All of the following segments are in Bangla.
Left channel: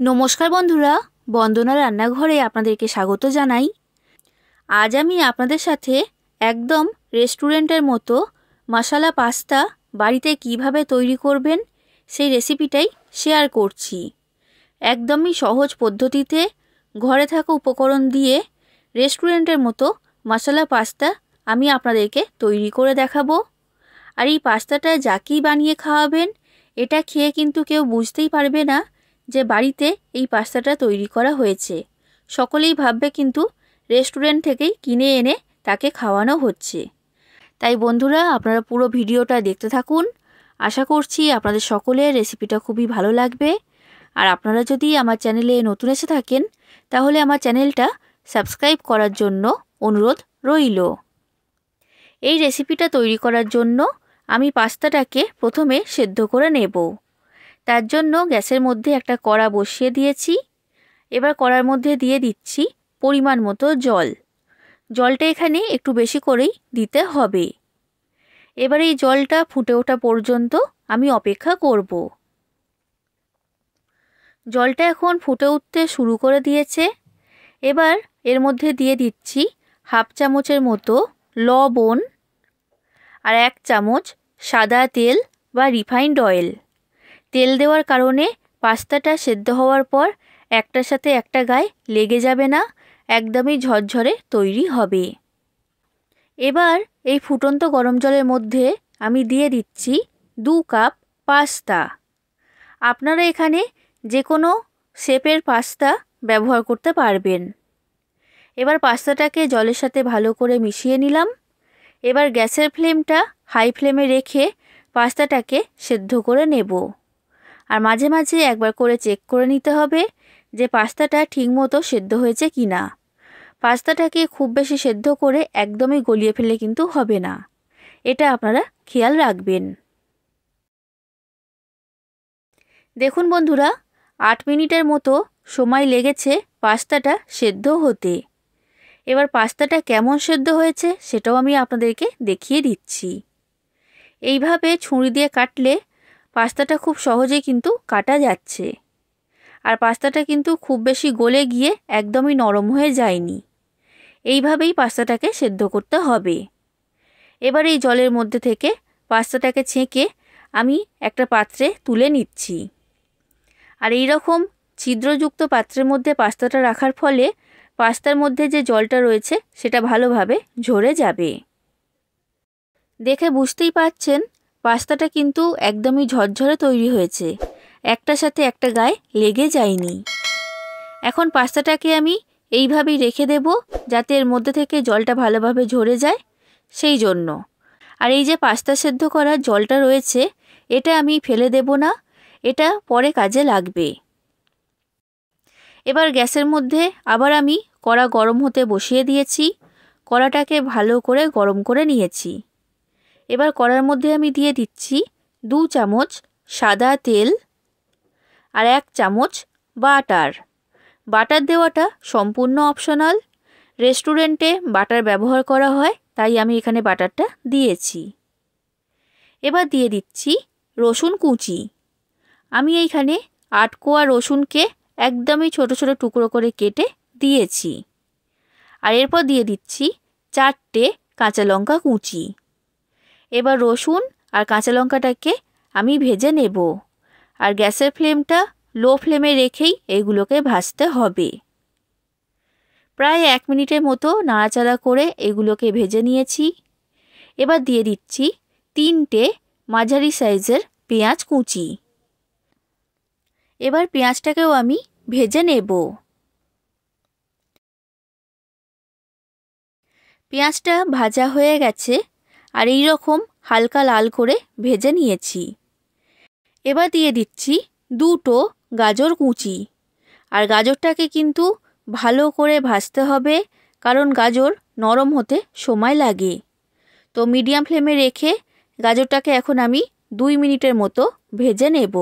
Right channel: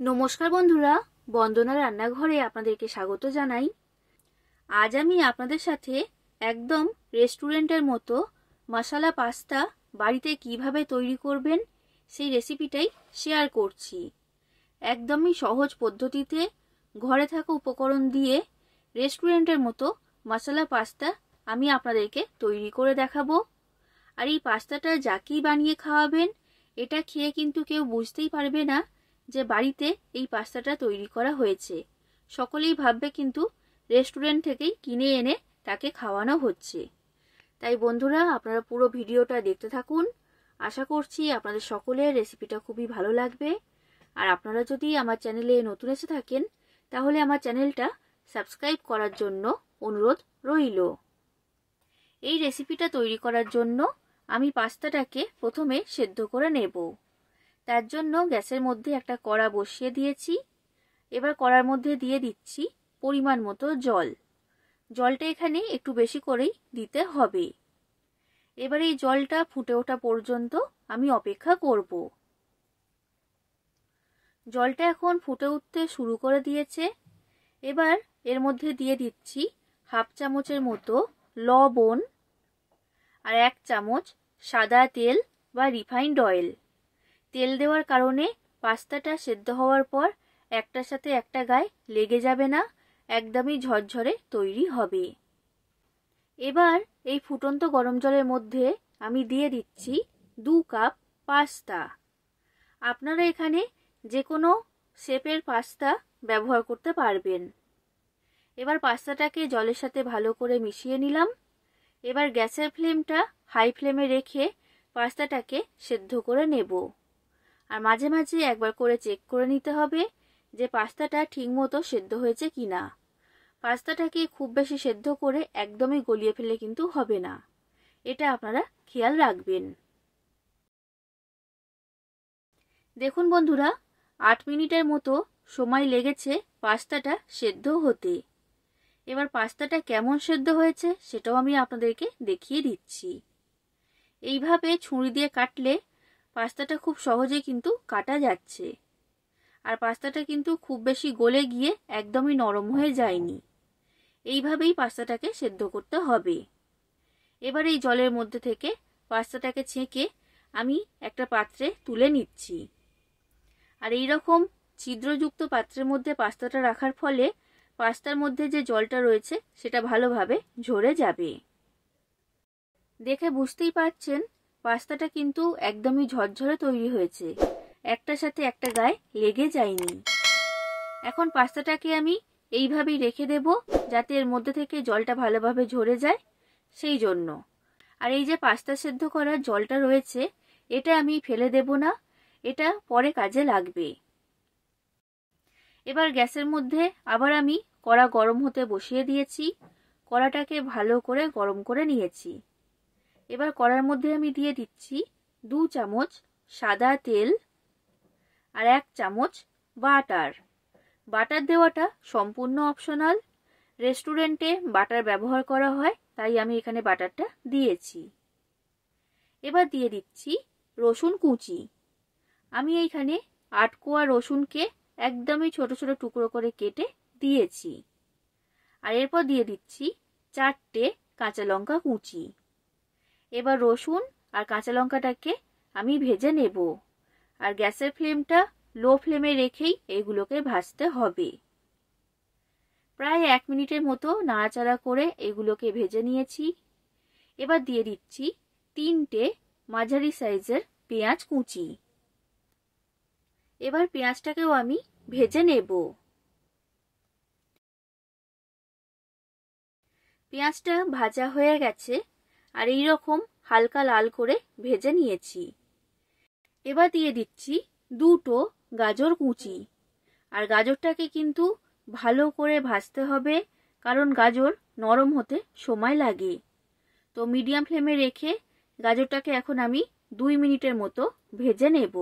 নমস্কার বন্ধুরা, বন্দনা রান্নাঘরে আপনাদেরকে স্বাগত জানাই। আজ আমি আপনাদের সাথে একদম রেস্টুরেন্টের মতো মশলা পাস্তা বাড়িতে কিভাবে তৈরি করবেন সেই রেসিপিটাই শেয়ার করছি। একদমই সহজ পদ্ধতিতে ঘরে থাকা উপকরণ দিয়ে রেস্টুরেন্টের মতো মশলা পাস্তা আমি আপনাদেরকে তৈরি করে দেখাবো। আর এই পাস্তাটা যাকেই বানিয়ে খাওয়াবেন, এটা খেয়ে কিন্তু কেউ বুঝতেই পারবে না যে বাড়িতে এই পাস্তাটা তৈরি করা হয়েছে। সকলেই ভাববে কিন্তু রেস্টুরেন্ট থেকেই কিনে এনে তাকে খাওয়ানো হচ্ছে। তাই বন্ধুরা, আপনারা পুরো ভিডিওটা দেখতে থাকুন। আশা করছি আপনাদের সকলের রেসিপিটা খুবই ভালো লাগবে। আর আপনারা যদি আমার চ্যানেলে নতুন এসে থাকেন, তাহলে আমার চ্যানেলটা সাবস্ক্রাইব করার জন্য অনুরোধ রইল। এই রেসিপিটা তৈরি করার জন্য আমি পাস্তাটাকে প্রথমে সেদ্ধ করে নেব। তার জন্য গ্যাসের মধ্যে একটা কড়া বসিয়ে দিয়েছি। এবার কড়ার মধ্যে দিয়ে দিচ্ছি পরিমাণ মতো জল। জলটা এখানে একটু বেশি করেই দিতে হবে। এবার এই জলটা ফুটে ওঠা পর্যন্ত আমি অপেক্ষা করব। জলটা এখন ফুটে উঠতে শুরু করে দিয়েছে। এবার এর মধ্যে দিয়ে দিচ্ছি হাফ চামচের মতো লবণ আর 1 চামচ সাদা তেল বা রিফাইন্ড অয়েল। তেল দেওয়ার কারণে পাস্তাটা সেদ্ধ হওয়ার পর একটার সাথে একটা গায়ে লেগে যাবে না, একদমই ঝরঝরে তৈরি হবে। এবার এই ফুটন্ত গরম জলের মধ্যে আমি দিয়ে দিচ্ছি 2 কাপ পাস্তা। আপনারা এখানে যে কোনো শেপের পাস্তা ব্যবহার করতে পারবেন। এবার পাস্তাটাকে জলের সাথে ভালো করে মিশিয়ে নিলাম। এবার গ্যাসের ফ্লেমটা হাই ফ্লেমে রেখে পাস্তাটাকে সেদ্ধ করে নেব। আর মাঝে মাঝে একবার করে চেক করে নিতে হবে যে পাস্তাটা ঠিকমতো সেদ্ধ হয়েছে কি না। পাস্তাটাকে খুব বেশি সেদ্ধ করে একদমই গলিয়ে ফেলে কিন্তু হবে না, এটা আপনারা খেয়াল রাখবেন। দেখুন বন্ধুরা, 8 মিনিটের মতো সময় লেগেছে পাস্তাটা সেদ্ধ হতে। এবার পাস্তাটা কেমন সেদ্ধ হয়েছে সেটাও আমি আপনাদেরকে দেখিয়ে দিচ্ছি। এইভাবে ছুরি দিয়ে কাটলে পাস্তাটা খুব সহজেই কিন্তু কাটা যাচ্ছে। আর পাস্তাটা কিন্তু খুব বেশি গলে গিয়ে একদমই নরম হয়ে যায়নি। এইভাবেই পাস্তাটাকে সেদ্ধ করতে হবে। এবার এই জলের মধ্যে থেকে পাস্তাটাকে ছেঁকে আমি একটা পাত্রে তুলে নিচ্ছি। আর এই রকম ছিদ্রযুক্ত পাত্রের মধ্যে পাস্তাটা রাখার ফলে পাস্তার মধ্যে যে জলটা রয়েছে সেটা ভালোভাবে ঝরে যাবে। দেখে বুঝতেই পারছেন পাস্তাটা কিন্তু একদমই ঝরঝরে তৈরি হয়েছে, একটার সাথে একটা গায়ে লেগে যায়নি। এখন পাস্তাটাকে আমি এইভাবেই রেখে দেব যাতে এর মধ্যে থেকে জলটা ভালোভাবে ঝরে যায়, সেই জন্য। আর এই যে পাস্তা সেদ্ধ করার জলটা রয়েছে, এটা আমি ফেলে দেব না, এটা পরে কাজে লাগবে। এবার গ্যাসের মধ্যে আবার আমি কড়া গরম হতে বসিয়ে দিয়েছি। কড়াটাকে ভালো করে গরম করে নিয়েছি। এবার কড়ার মধ্যে আমি দিয়ে দিচ্ছি 2 চামচ সাদা তেল আর 1 চামচ বাটার। বাটার দেওয়াটা সম্পূর্ণ অপশনাল। রেস্টুরেন্টে বাটার ব্যবহার করা হয়, তাই আমি এখানে বাটারটা দিয়েছি। এবার দিয়ে দিচ্ছি রসুন কুচি। আমি এইখানে 8 কোয়া রসুনকে একদমই ছোট ছোট টুকরো করে কেটে দিয়েছি। আর এরপর দিয়ে দিচ্ছি 4টে কাঁচা লঙ্কা কুচি। এবার রসুন আর কাঁচা লঙ্কাটাকে আমি ভেজে নেব। আর গ্যাসের ফ্লেমটা লো ফ্লেমে রেখেই এগুলোকে ভাজতে হবে। প্রায় 1 মিনিটের মতো নাড়াচাড়া করে এগুলোকে ভেজে নিয়েছি। এবার দিয়ে দিচ্ছি 3টে মাঝারি সাইজের পেঁয়াজ কুচি। এবার পেঁয়াজটাকেও আমি ভেজে নেব। পেঁয়াজটা ভাজা হয়ে গেছে আর এই রকম হালকা লাল করে ভেজে নিয়েছি। এবার দিয়ে দিচ্ছি 2টো গাজর কুচি। আর গাজরটাকে কিন্তু ভালো করে ভাজতে হবে, কারণ গাজর নরম হতে সময় লাগে। তো মিডিয়াম ফ্লেমে রেখে গাজরটাকে এখন আমি 2 মিনিটের মতো ভেজে নেব।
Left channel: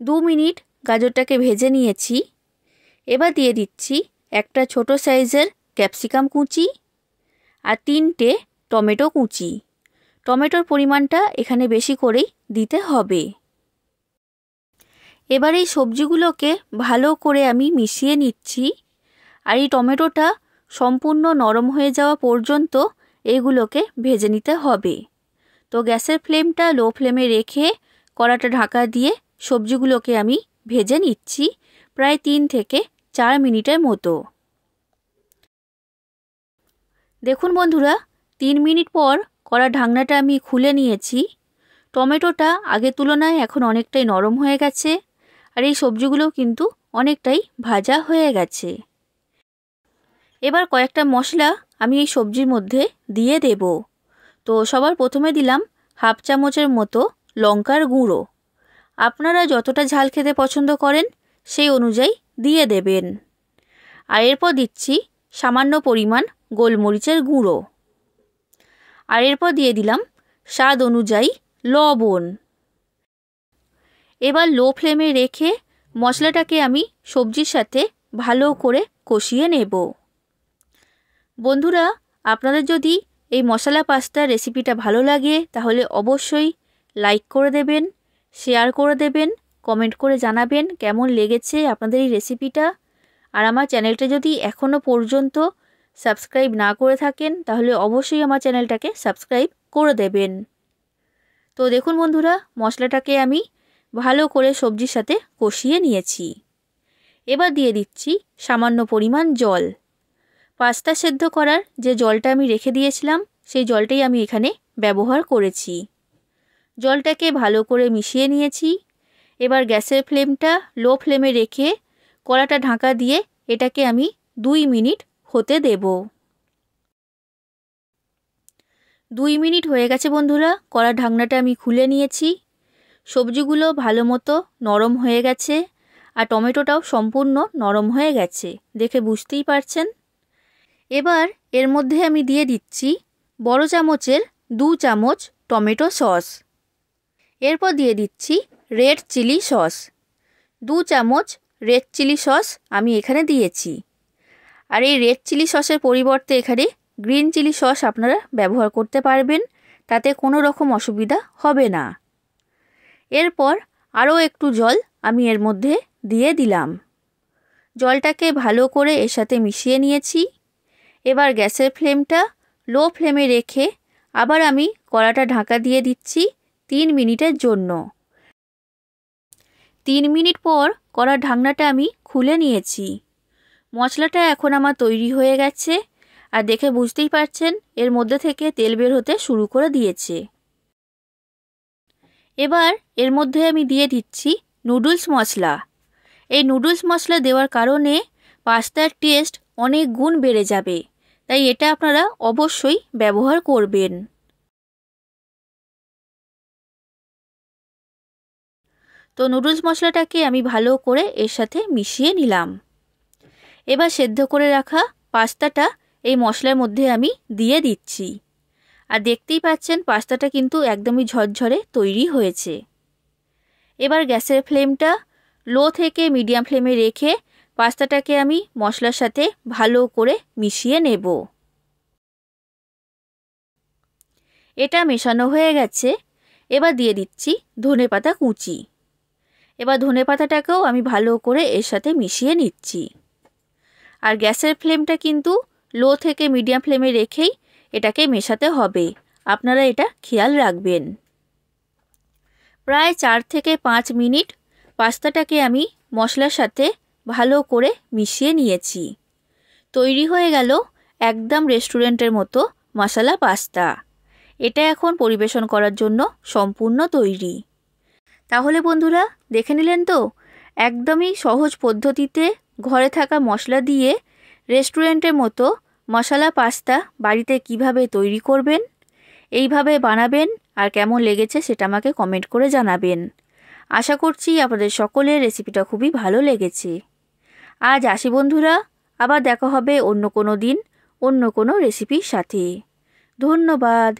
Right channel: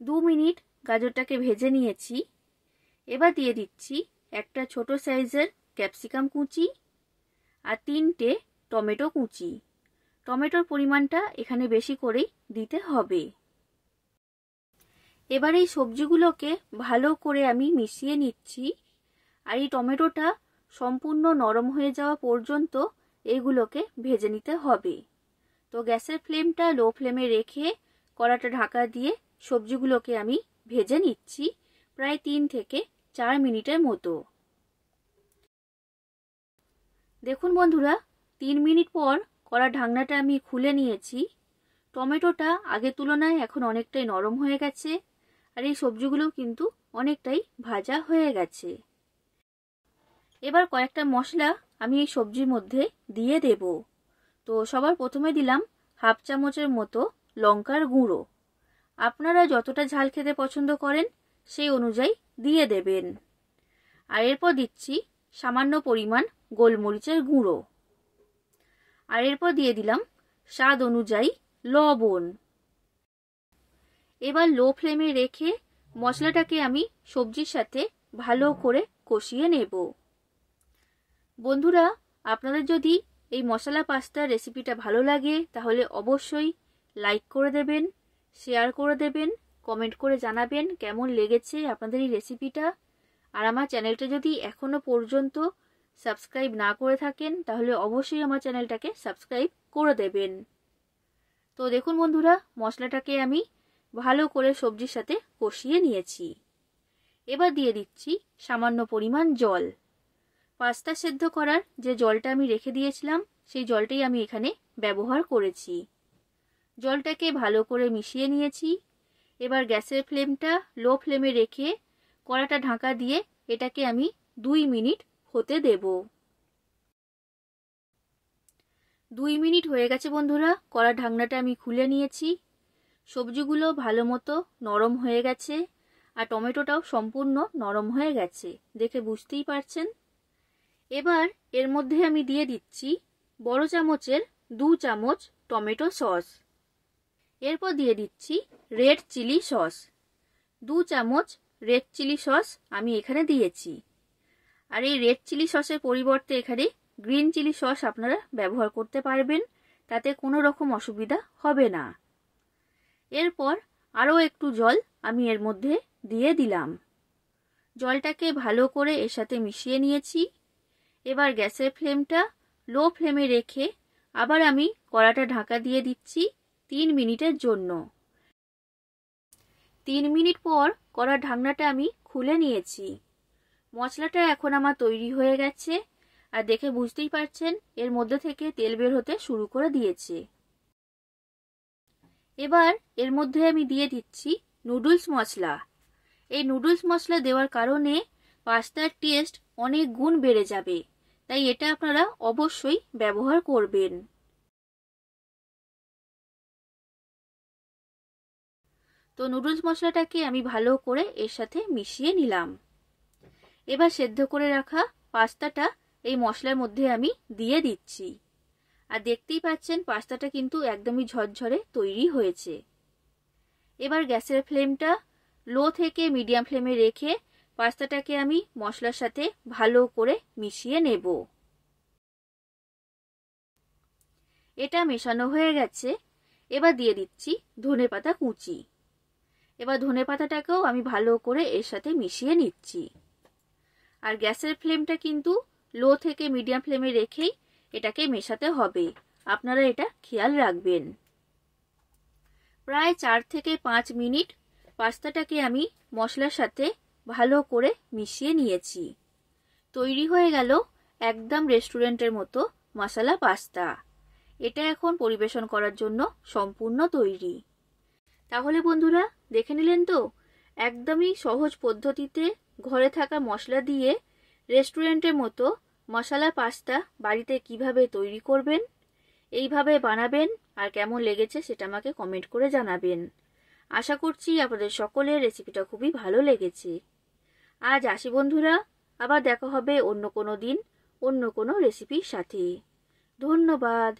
2 মিনিট গাজরটাকে ভেজে নিয়েছি। এবার দিয়ে দিচ্ছি একটা ছোট সাইজের ক্যাপসিকাম কুচি আর 3টে টমেটো কুচি। টমেটোর পরিমাণটা এখানে বেশি করেই দিতে হবে। এবার এই সবজিগুলোকে ভালো করে আমি মিশিয়ে নিচ্ছি। আর এই টমেটোটা সম্পূর্ণ নরম হয়ে যাওয়া পর্যন্ত এইগুলোকে ভেজে নিতে হবে। তো গ্যাসের ফ্লেমটা লো ফ্লেমে রেখে কড়াটা ঢাকা দিয়ে সবজিগুলোকে আমি ভেজে নিচ্ছি প্রায় 3 থেকে 4 মিনিটের মতো। দেখুন বন্ধুরা, 3 মিনিট পর কড়ার ঢাকনাটা আমি খুলে নিয়েছি। টমেটোটা আগের তুলনায় এখন অনেকটাই নরম হয়ে গেছে আর এই সবজিগুলো কিন্তু অনেকটাই ভাজা হয়ে গেছে। এবার কয়েকটা মশলা আমি এই সবজির মধ্যে দিয়ে দেব। তো সবার প্রথমে দিলাম হাফ চামচের মতো লঙ্কার গুঁড়ো। আপনারা যতটা ঝাল খেতে পছন্দ করেন সেই অনুযায়ী দিয়ে দেবেন। আর এরপর দিচ্ছি সামান্য পরিমাণ গোলমরিচের গুঁড়ো। আর এরপর দিয়ে দিলাম স্বাদ অনুযায়ী লবণ। এবার লো ফ্লেমে রেখে মশলাটাকে আমি সবজির সাথে ভালো করে কষিয়ে নেব। বন্ধুরা, আপনাদের যদি এই মশলা পাস্তার রেসিপিটা ভালো লাগে তাহলে অবশ্যই লাইক করে দেবেন, শেয়ার করে দেবেন, কমেন্ট করে জানাবেন কেমন লেগেছে আপনাদের এই রেসিপিটা। আর আমার চ্যানেলটা যদি এখনও পর্যন্ত সাবস্ক্রাইব না করে থাকেন তাহলে অবশ্যই আমার চ্যানেলটাকে সাবস্ক্রাইব করে দেবেন। তো দেখুন বন্ধুরা, মশলাটাকে আমি ভালো করে সবজির সাথে কষিয়ে নিয়েছি। এবার দিয়ে দিচ্ছি সামান্য পরিমাণ জল। পাস্তা সেদ্ধ করার যে জলটা আমি রেখে দিয়েছিলাম সেই জলটাই আমি এখানে ব্যবহার করেছি। জলটাকে ভালো করে মিশিয়ে নিয়েছি। এবার গ্যাসের ফ্লেমটা লো ফ্লেমে রেখে কড়াটা ঢাকা দিয়ে এটাকে আমি 2 মিনিট হতে দেব। 2 মিনিট হয়ে গেছে বন্ধুরা, কড়ার ঢাকনাটা আমি খুলে নিয়েছি। সবজিগুলো ভালো মতো নরম হয়ে গেছে আর টমেটোটাও সম্পূর্ণ নরম হয়ে গেছে, দেখে বুঝতেই পারছেন। এবার এর মধ্যে আমি দিয়ে দিচ্ছি বড় চামচের 2 চামচ টমেটো সস। এরপর দিয়ে দিচ্ছি রেড চিলি সস। 2 চামচ রেড চিলি সস আমি এখানে দিয়েছি। আর এই রেড চিলি সসের পরিবর্তে এখানে গ্রিন চিলি সস আপনারা ব্যবহার করতে পারবেন, তাতে কোনো রকম অসুবিধা হবে না। এরপর আরও একটু জল আমি এর মধ্যে দিয়ে দিলাম। জলটাকে ভালো করে এর সাথে মিশিয়ে নিয়েছি। এবার গ্যাসের ফ্লেমটা লো ফ্লেমে রেখে আবার আমি কড়াটা ঢাকা দিয়ে দিচ্ছি 3 মিনিটের জন্য। 3 মিনিট পর কড়ার ঢাকনাটা আমি খুলে নিয়েছি। মশলাটা এখন আমার তৈরি হয়ে গেছে আর দেখে বুঝতেই পারছেন এর মধ্যে থেকে তেল বের হতে শুরু করে দিয়েছে। এবার এর মধ্যে আমি দিয়ে দিচ্ছি নুডলস মশলা। এই নুডলস মশলা দেওয়ার কারণে পাস্তার টেস্ট অনেক গুণ বেড়ে যাবে, তাই এটা আপনারা অবশ্যই ব্যবহার করবেন। তো নুডলস মশলাটাকে আমি ভালো করে এর সাথে মিশিয়ে নিলাম। এবার সেদ্ধ করে রাখা পাস্তাটা এই মশলার মধ্যে আমি দিয়ে দিচ্ছি। আর দেখতেই পাচ্ছেন পাস্তাটা কিন্তু একদমই ঝরঝরে তৈরি হয়েছে। এবার গ্যাসের ফ্লেমটা লো থেকে মিডিয়াম ফ্লেমে রেখে পাস্তাটাকে আমি মশলার সাথে ভালো করে মিশিয়ে নেব। এটা মেশানো হয়ে গেছে। এবার দিয়ে দিচ্ছি ধনেপাতা কুচি। এবার ধনেপাতাটাকেও আমি ভালো করে এর সাথে মিশিয়ে নিচ্ছি। আর গ্যাসের ফ্লেমটা কিন্তু লো থেকে মিডিয়াম ফ্লেমে রেখেই এটাকে মেশাতে হবে, আপনারা এটা খেয়াল রাখবেন। প্রায় 4 থেকে 5 মিনিট পাস্তাটাকে আমি মশলার সাথে ভালো করে মিশিয়ে নিয়েছি। তৈরি হয়ে গেল একদম রেস্টুরেন্টের মতো মশলা পাস্তা। এটা এখন পরিবেশন করার জন্য সম্পূর্ণ তৈরি। তাহলে বন্ধুরা, দেখে নিলেন তো একদমই সহজ পদ্ধতিতে ঘরে থাকা মশলা দিয়ে রেস্টুরেন্টের মতো মশলা পাস্তা বাড়িতে কিভাবে তৈরি করবেন। এইভাবে বানাবেন আর কেমন লেগেছে সেটা আমাকে কমেন্ট করে জানাবেন। আশা করছি আপনাদের সকলের রেসিপিটা খুবই ভালো লেগেছে। আজ আসি বন্ধুরা, আবার দেখা হবে অন্য কোনো দিন অন্য কোনো রেসিপির সাথে। ধন্যবাদ।